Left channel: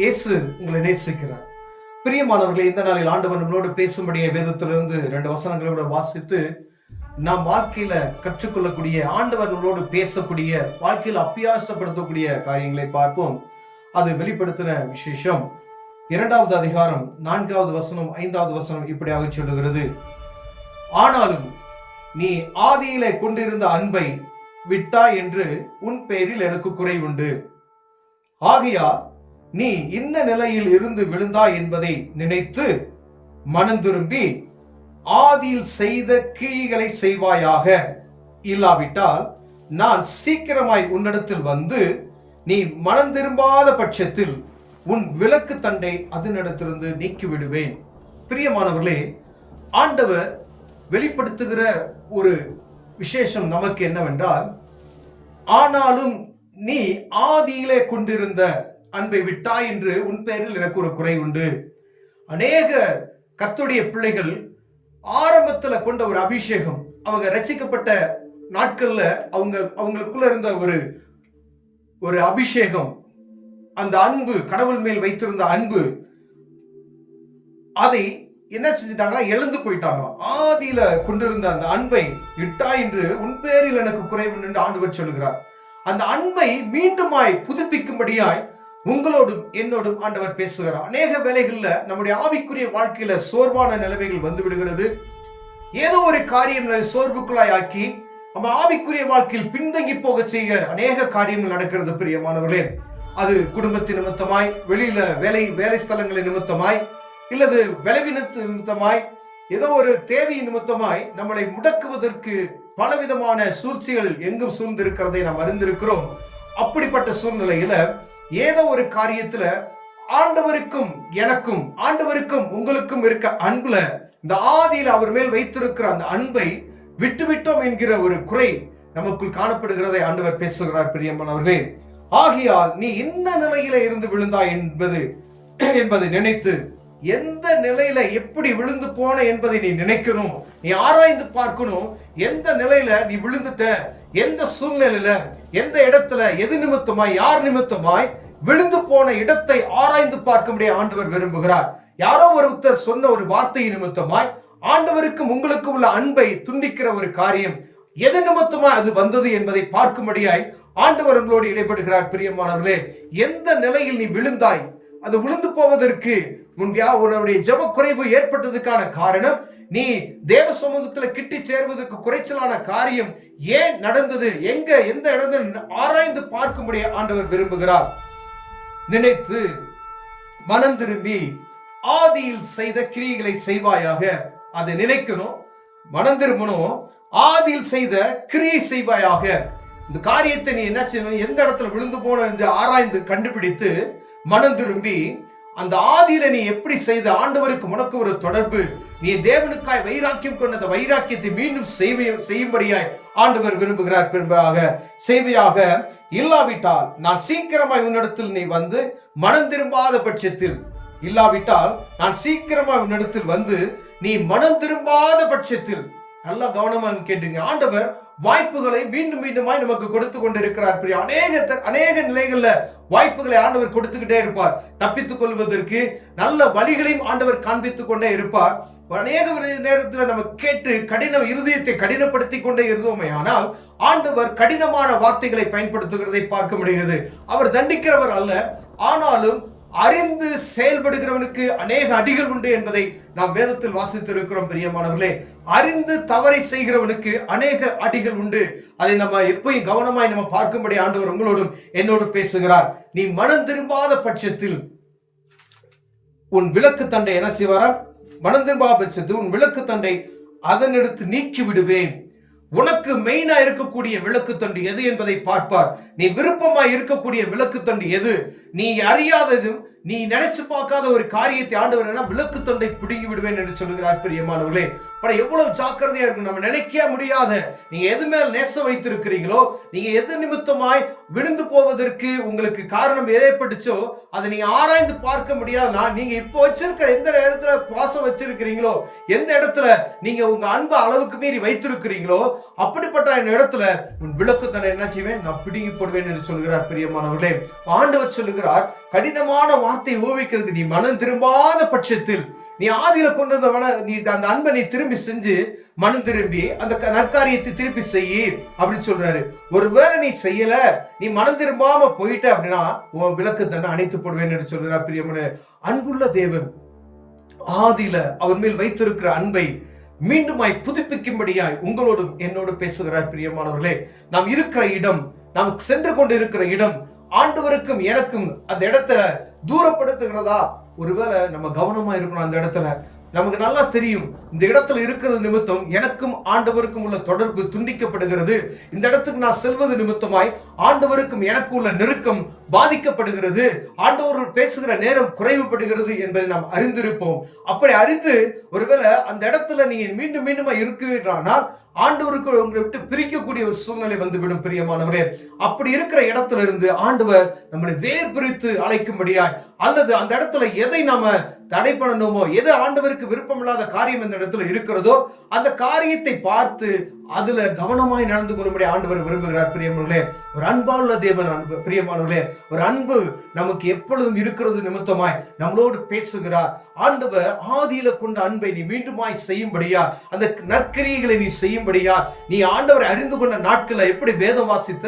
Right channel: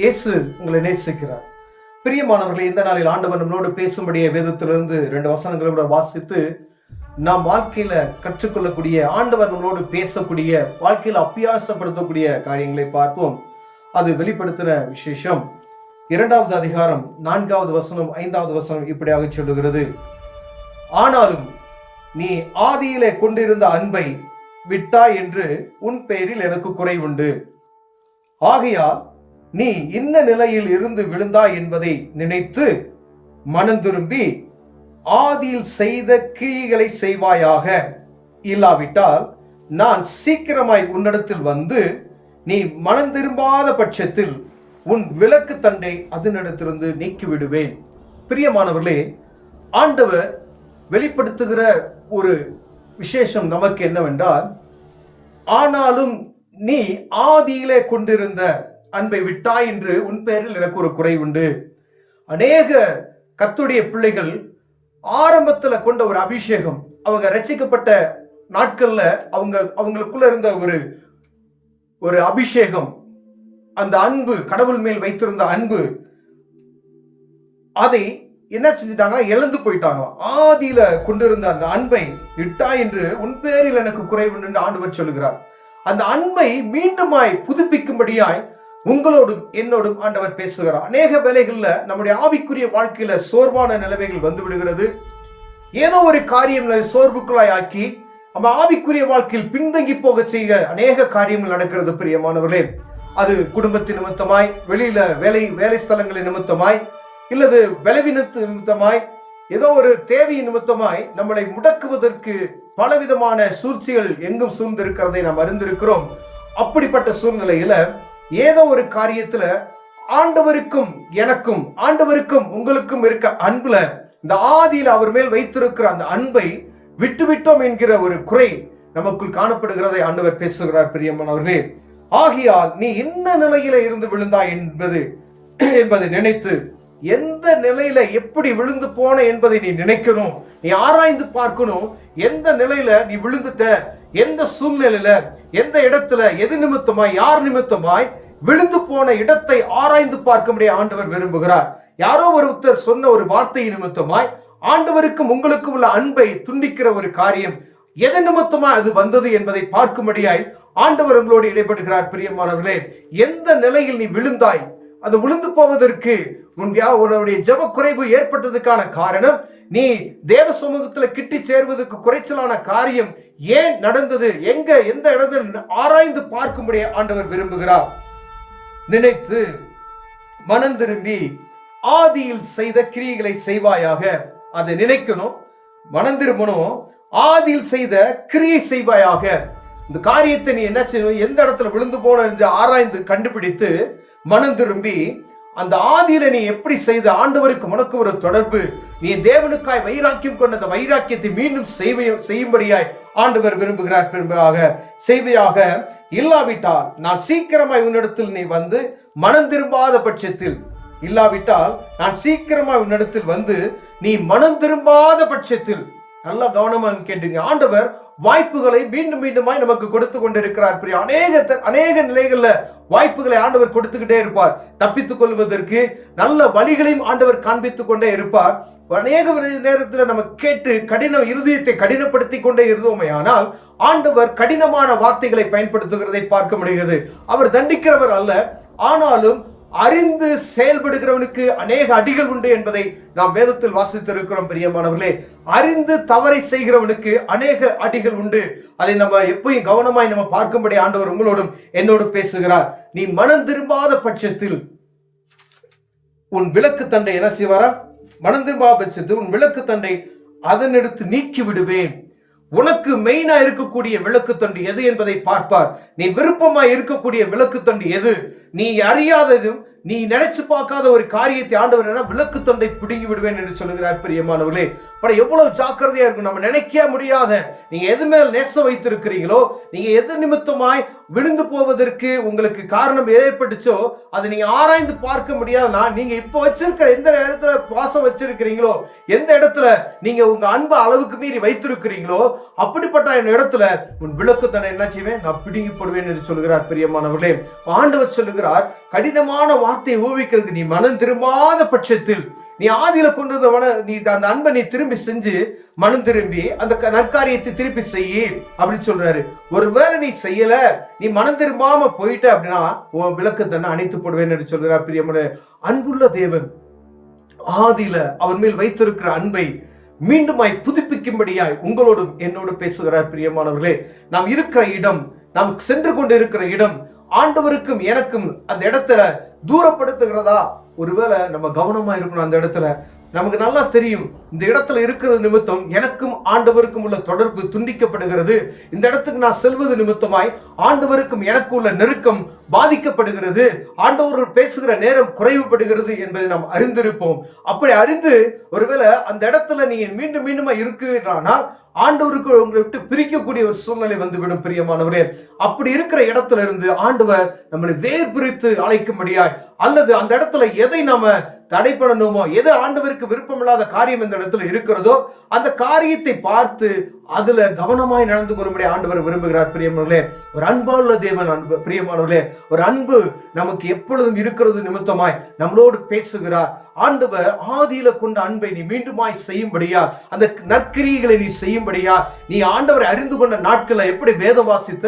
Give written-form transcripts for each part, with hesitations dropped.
இயேசு உங்களை நேசிக்கிறார். பிரியமானவர்களே, இந்த நாளில் ஆண்டவர் நம்மளோடு பேசும்படிய வேதத்திலிருந்து 2 வசனங்களை கூட வாசித்து நாம் வாழ்க்கையில கற்றுக்கொள்ளக்கூடிய, ஆண்டவர் நம்மளோடு பேசக்கூடிய, வாழ்க்கையில் அபியாசப்படுத்தக்கூடிய காரியங்களை பார்ப்போம். அது வெளிப்படுத்தின விசேஷம் 2வது அதிகாரம் 4வது வசனம் 5வது வசனம் இப்படியாக சொல்லுகிறது. ஆனாலும் நீ ஆதியிலே கொண்டிருந்த அன்பை விட்டாய் என்று உன் பெயரில் எனக்கு குறைவுண்டு. ஆகையால் நீ இன்ன நிலையில் இருந்து விழுந்தாய் என்பதை நினைத்து மனம் திரும்பி ஆதியில் செய்த கிரியைகளை செய்வாயாக. இல்லாவிட்டால் நான் சீக்கிரமாய் உன்னிடத்தில் வந்து நீ மனம் திரும்பாத பட்சத்தில் உன் விளக்கு தண்டை அதனிடத்திலிருந்து நீக்கி விடுவேன். பிரியமானவர்களே, ஆண்டவர் வெளிப்படுத்துகிற ஒரு விசேஷம் நமக்கு என்னவென்றால், ஆனாலும் நீ ஆதியிலே கொண்டிருந்த அன்பை விட்டாய் என்று உன் பெயரில் எனக்கு ஒரு குறைவுண்டு. அநேக கர்த்தருடைய பிள்ளைகள் ஆரம்பத்தில் கொண்ட ஒரு அபிஷேகம், அவங்க ரட்சிக்கப்பட்ட நாட்கள்ல அவங்களுக்குள்ள இருந்த ஒரு அபிஷேகம், அந்த அன்பு, கடவுள் மேல் வைத்திருந்த அன்பு, அதை என்ன செஞ்சிட்டாங்க? இழந்து போயிட்டாங்க. ஆதியில கொண்டிருந்த அந்த அன்பை விட்டாய் என்று உன் பேரில் எனக்கு குறைவுண்டு என்று ஆண்டவர் சொல்லுகிறார். அந்த அன்பை மீண்டுமாய் புதுப்பிக்கும்படியாய் உங்களோடும் என்னோடும் ஆண்டவர் பேசுகிறார். அநேக வேளைகள்ல நம்முடைய ஆவிக்குரிய வாழ்க்கையில சோர்வான நிலைமைகள் வந்து விடுகிறது. ஏதோ ஒரு காரியம் சோர்வுக்குள்ளாய் ஆக்கி நம்ம ஆவிக்குரிய வாழ்க்கையில் பின்தங்கி போக செய்ய அநேக காரியங்கள் நடக்கிறது. பிரியமானவர்களே, அது குடும்பத்தின் நிமித்தமாய், வெளியில வேலை ஸ்தலங்களின் நிமித்தமாய், இல்லது பலவீனத்து நிமித்தமாய், ஏதோ ஒரு தேவையின் நிமித்தமாய் நம்மளை முடக்குவதற்கு பலவிதமான சூழ்ச்சிகள் எங்கும் சூழ்ந்திருக்கிறதை நாம் அறிந்திருக்கிறோம். அப்படிப்பட்ட சூழ்நிலையில ஏதோ ஒரு காரியத்துல ஆண்டவருக்கும் எனக்கும், ஆண்டவருக்கும் உங்களுக்கும் இருக்க அன்புல, இந்த ஆதியில் அவர் மேல் வைத்திருக்கிற அந்த அன்பை விட்டுவிட்டோம் என்கிற ஒரு குறை நமக்குள் காணப்படுகிறதை ஆண்டவர் பேசுகிறார். பிரியமானவர்களே, ஆகையால் நீ இந்த நிலையில இருந்து விழுந்தாய் என்பதை நினைத்து, எந்த நிலையில எப்படி விழுந்து போன என்பதை நீ நினைக்கணும், நீ ஆராய்ந்து பார்க்கணும். எந்த நிலையில நீ விழுந்துட்ட, எந்த சூழ்நிலையில, எந்த இடத்துல, எது நிமித்தமாய், யார் நிமித்தமாய் விழுந்து போன இடத்தை ஆராய்ந்து பார்க்கும்படியே ஆண்டவர் விரும்புகிறார். யாரோ ஒருத்தர் சொன்ன ஒரு வார்த்தை நிமித்தமாய் ஆண்டவருக்கும் உங்களுக்கும் உள்ள அன்பை துண்டிக்கிற ஒரு காரியம் எது நிமித்தமாய் அது வந்தது என்பதை பார்க்கும்படியாய் ஆண்டவர் உங்களோடு இடைபடுகிறார். பிரியமானவர்களே, எந்த நிலையில் நீ விழுந்தாய், அது விழுந்து போவதற்கு உன்னுடைய ஜெப குறைவு ஏற்பட்டதுக்கான காரணம், நீ தேவ சமூகத்தில் கிட்டி சேர்வதற்கு குறைச்சலான காரியம் ஏன் நடந்தது, எந்த இடத்துல ஆராய்ந்து பார்க்கும்படி ஆண்டவர் விரும்புகிறார். நினைத்து மனம் திரும்பி ஆதியில் செய்த கிரியைகளை செய்வாயாக. அதை நினைக்கணும், மனம் திரும்பணும், ஆதியில் செய்த கிரியை செய்வாயாக. இந்த காரியத்தை நீ என்ன செய்யணும், எந்த இடத்துல விழுந்து போன என்று ஆராய்ந்து கண்டுபிடித்து மனம் திரும்பி அந்த ஆதியில நீ எப்படி செய்த, ஆண்டவருக்கு உனக்கு ஒரு தொடர்பு, நீ தேவனுக்காய் வைராக்கியம் கொண்ட அந்த வைராக்கியத்தை மீண்டும் செய்யும்படியாய் ஆண்டவர் விரும்புகிறார். செய்வையாக. இல்லாவிட்டால் நான் சீக்கிரமாய் உன்னிடத்தில் நீ வந்து மனம் திரும்பாத பட்சத்தில், இல்லாவிட்டால் நான் சீக்கிரமாய் உன்னிடத்தில் வந்து நீ மனம் திரும்பாத பட்சத்தில், நல்லா கவனமாக கேட்டுங்க. ஆண்டவர் வாய்ப்புகளை மீண்டும் மீண்டுமாய் நமக்கு கொடுத்து கொண்டிருக்கிறார். அநேக நிலைகள்ல வாய்ப்புகளை ஆண்டவர் கொடுத்துக்கிட்டே இருப்பார். தப்பித்துக் கொள்வதற்கு நல்ல வழிகளையும் ஆண்டவர் காண்பித்துக் கொண்டே இருப்பார். அநேக நேரத்தில் நம்ம கேட்டு இருதயத்தை கடினப்படுத்தி கொண்டே இருந்தோமே, ஆனால் ஆண்டவர் கடினமான வார்த்தைகளை பயன்படுத்துகிறதை பார்க்க முடிகிறது. அவர் தண்டிக்கிறவர் அல்ல, ஆனாலும் அறிந்து செயல்படுகிறவனுக்கு அநேக அடிகள் உண்டு என்பதை நாம் வேதத்தில் வாசித்திருக்கிறோம். பிரியமானவர்களே, அறிந்து தவறை செய்கிறவனுக்கு அநேக அடிகள் உண்டு. அதை நம்ம எப்பயும் கவனமாய் நம்ம பார்க்கும்படி ஆண்டவர் உங்களோடும் என்னோடும் பேசுகிறார். நீ மனம் திரும்பாத பட்சத்தில் உன் விளக்கு தண்டை என்ன செய்வாரா? மனம் திரும்பாத பட்சத்தில் உன் விளக்கு தண்டை அதனெடுத்து நீக்கி விடுவேன். உனக்கு மெயினா இருக்கக்கூடிய விளக்கு தண்டு எது என்பதை பார்ப்பார். நீ விருப்பமாய் இருக்கக்கூடிய விளக்கு தண்டு எது? நீ அறியாததும் நீ நினைச்சு பார்க்காத ஒரு காரியத்தை ஆண்டவர் விளக்கு தண்டை பிடுங்கி விடுவேன் என்று சொல்லுகிறார். பிரியமானவர்களே, அப்புறம் எவ்வளவு ஜாக்கிரதையா இருக்கும். நம்ம நினைக்க முடியாத, நீங்க எது மேல் நேசம் வைத்திருக்கிறீங்களோ, நீங்க எது நிமித்தமாய் விழுந்து போவதற்கு உங்களுக்கு காரணம் ஏற்பட்டுச்சோ அதை நீங்க ஆராய்ந்து பார்க்க முடியாதுன்னா, நீங்க இப்ப வச்சிருக்கிற எந்த இடத்துல பாசம் வச்சிருக்கிறீங்களோ, எந்த இடத்துல நீங்க உங்க அன்பு அளவுக்கு மீறி வைத்திருக்கிறீங்களோ, அப்படிப்பட்ட இடத்துல உன் விளக்கு தன்னை என்ன செய்வேன், நான் பிடுங்கி போடுவேன் என்று சொல்கிறார். பிரியமானவர்களே, ஆண்டவர் சொல்லுகிறார், கடினமான வார்த்தையை ஊவிக்கிறது நீ மனம் திரும்பாத பட்சத்தில், நீ ஆதியில கொண்டிருந்த நீ அந்த அன்பை நீ திரும்பி செஞ்சு மனம் திரும்பி அந்த நற்காரியத்தை திருப்பி செய்யி அப்படின்னு சொல்றாரு. ஒருவேளை நீ செய்யல, நீ மனம் திரும்பாம போயிட்ட அப்படின்னா உன் விளக்கு தன்னை அணைத்து போடுவேன் என்று சொல்கிறார். பிரியமான அன்புள்ள தேவன் ஆதியில அவர் மேல் வைத்திருக்கிற அன்பை மீண்டுமாய் புதுப்பிக்கும்படியாய் உங்களோடும் என்னோடு பேசுகிறார். பிரியமானவர்களே, நாம் இருக்கிற இடம், நாம் சென்று கொண்டு இருக்கிற இடம் ஆண்டவருக்கும் எனக்கும் அந்த இடத்துல தூரப்படுத்துகிறதா? ஒருவேளை நம்ம கவனமா இருக்கணும். அந்த இடத்துல நமக்கு நல்லா தெரியும், இந்த இடத்துல இருக்கிறது நிமித்தம் எனக்கும் ஆண்டவருக்கும் உள்ள தொடர்பு துண்டிக்கப்படுகிறது, இந்த இடத்துக்கு நான் செல்வது நிமித்தமாய் ஆண்டவருக்கும் எனக்கு உள்ள நெருக்கம் பாதிக்கப்படுகிறது, ஆண்டவர்கள் பேசுகிற நேரம் குறைவுபடுகிறது என்பதை நாம் அறிந்திருப்போம். அப்படி அறிந்து ஒருவேளை அந்த இடத்துல நீ மீண்டும் மீண்டுமா இருக்கிறானால் ஆண்டவருக்கு உங்களை விட்டு பிரிக்கக்கூடிய ஒரு சூழ்நிலை வந்துவிடும். பிரியமானவரே, அப்படி இருக்கிற இடத்துல இருந்து ஆண்டவர் நம்மளை வேர் பிரித்து அழைக்கும்படியாய், அல்லது அந்த இடத்துல எதை நாம தடை பண்ணணுமோ, எது ஆண்டவருக்கு விருப்பமில்லாத காரியம் இந்த இடத்துல இருக்கிறதோ அந்த காரியத்தை பார்த்து அதுல கவனமாய் நடந்து கொள்ளும்படி ஆண்டவர் விரும்புகிறார். பிரியமானவர்களே, ஒரு அன்பான தேவன் அன்பு. பிரியமானவர்களே, ஒரு அன்பு நமக்கு எப்பொழுதும் இருக்கிறது நிமித்தமாய் நம்மளோடு பேசுகிறார். ஆண்டவர் ஆதியில கொண்ட அன்பை நீ மீண்டுமாய் செய்யும்படியா, அந்த நற்கிரியைகளை நீ செய்யும்படியா, நீ ஆண்டவரை அறிந்து கொண்ட நாட்களை எப்படி வேதம் வாசித்த,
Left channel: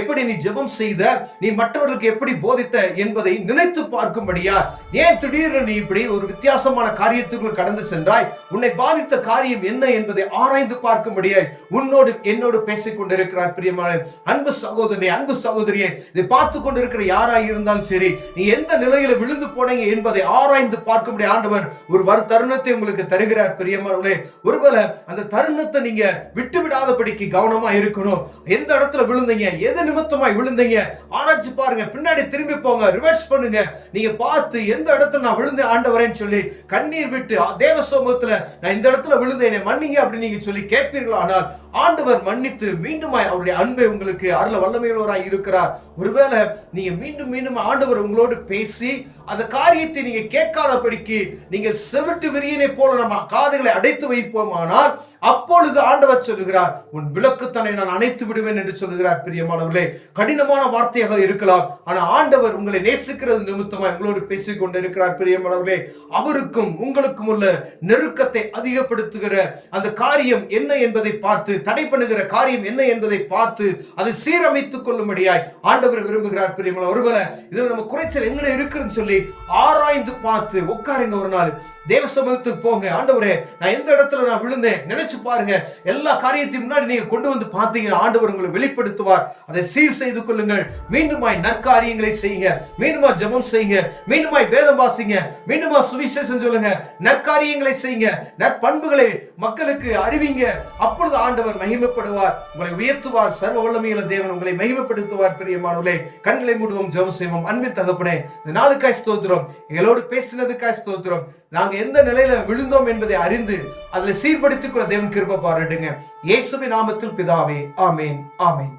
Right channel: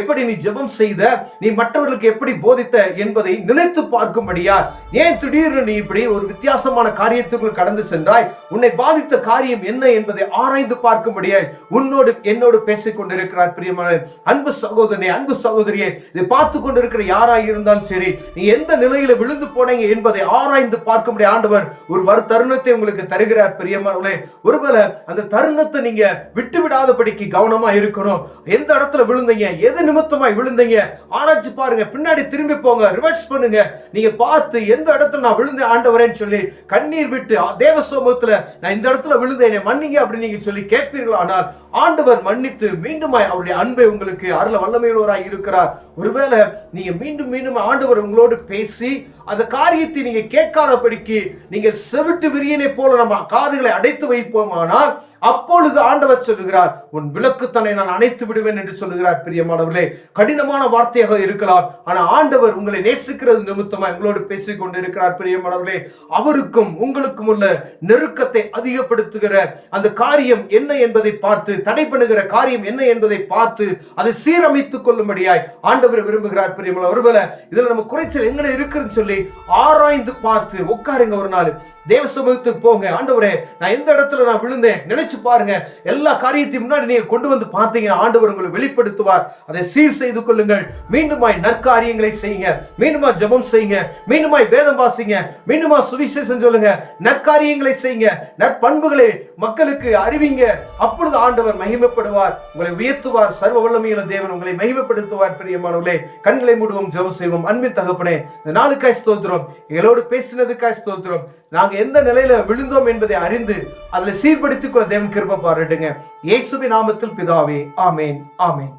எப்படி நீ ஜெபம் செய்த, நீ மற்றவர்களுக்கு எப்படி போதித்த என்பதை நினைத்து பார்க்கும்படியா, ஏன் திடீர்னு நீ இப்படி ஒரு வித்தியாசமான காரியத்துக்குள் கடந்து சென்றாய், உன்னை பாதித்த காரியம் என்ன என்பதை ஆராய்ந்து பார்க்கும்படியாய் உன்னோடு என்னோடு பேசிக் கொண்டிருக்கிறார். பிரியமான அன்பு சகோதரனே, அன்பு சகோதரியே, இதை பார்த்து கொண்டிருக்கிற யாராக இருந்தாலும் சரி, நீ எந்த நிலையில விழுந்து போனீங்க என்பதை ஆராய்ந்து பார்க்கும்படி ஆண்டவர் ஒரு தருணத்தை உங்களுக்கு தருகிறார். பிரியமானவர்களே, ஒருவேளை அந்த தருணத்தை நீங்க விட்டு விடாதபடிக்கு கவனமா இருக்கணும். எந்த இடத்துல விழுந்தீங்க, எது நிமித்தமாய் விழுந்தீங்க ஆராய்ச்சி பாருங்க, பின்னாடி திரும்பி போங்க, ரிவர்ஸ் பண்ணுங்க. நீங்க பார்த்து எந்த இடத்துல நான் விழுந்தேன் ஆண்டவரேன்னு சொல்லி கண்ணீர் விட்டு தேவ சமூகத்துல நான் இந்த இடத்துல விழுந்தேன் மன்னிங்க அப்படின்னு நீங்க சொல்லி கேட்பீர்களானால் ஆண்டவர் மன்னித்து மீண்டுமாய் அவருடைய அன்பை உங்களுக்கு அருள வல்லமையுள்ளவராய் இருக்கிறார். ஒருவேளை நீங்க மீண்டும் மீண்டும் ஆண்டவர் உங்களோடு பேசி அந்த காரியத்தை நீங்க கேட்காதபடிக்கு நீங்கள் செவிட்டு விரியனை போல நம்ம காதுகளை அடைத்து வைப்போமானால் அப்பொழுது ஆண்டவர் சொல்லுகிறார், உன் விளக்குத்தனை நான் அணைத்து விடுவேன் என்று சொல்லுகிறார். பிரியமானவர்களே, கடினமான வார்த்தையாக இருக்கலாம், ஆனா ஆண்டவர் உங்களை நேசிக்கிறது நிமித்தமா உங்களோடு பேசிக் கொண்டிருக்கிறார். பிரியமானவர்களே, அவருக்கும் உங்களுக்கும் உள்ள நெருக்கத்தை அதிகப்படுத்துகிற அந்த காரியம் என்ன என்பதை பார்த்து, தடை பண்ணுகிற காரியம் என்ன என்பதை பார்த்து அதை சீரமைத்துக் கொள்ளும்படியாய் ஆண்டவர் விரும்புகிறார். பிரியமானவர்களே, ஒருவேளை இதுல நம்ம குறைச்சல் எங்களை இருக்குன்னு சொல்லி ஆராய்ந்து பார்த்து உட்காருங்க. ஒரு நாள் தேவ சமூகத்துக்கு போங்க. ஆண்டவரே, நான் எந்த இடத்துல நான் விழுந்தேன் நினைச்சு பாருங்க. எல்லா காரியத்தையும் முன்னாடி நீங்க கொண்டு வந்து பார்த்தீங்கன்னா ஆண்டவர் உங்களை வெளிப்படுத்துவார். அதை சீர் செய்து கொள்ளுங்கள். மீண்டுமாய் நற்காரியங்களை செய்யுங்க, மீண்டுமா ஜெபம் செய்யுங்க, மீண்டுமாய் வேதம் வாசிங்க, மீண்டுமா சுவிசேஷம் சொல்லுங்க, நற்காரியங்களை செய்யுங்க, நற்பண்புகளை மக்களுக்கு அறிவிங்க. அப்பொழுது ஆண்டவர் மகிமைப்படுவார், உங்களை உயர்த்துவார். சர்வ வல்லமையுள்ள தேவன் உங்களை மகிமைப்படுத்துவார். பிரியமானவர்களே, கண்களை மூடுவோம், ஜெபம் செய்வோம். அன்பின் தகப்பனே, இந்த நாளுக்காய் ஸ்தோத்திரம், எங்களோடு பேசினதுக்காய் ஸ்தோத்திரம். நாங்க எந்த நிலையில விழுந்தோம் என்பதை அறிந்து அதில் சீர்படுத்திக் கொள்ள தேவன் கிருபை பாராட்டுங்க. இயேசுவின் நாமத்தில் பிதாவே, ஆமேன், ஆமேன்.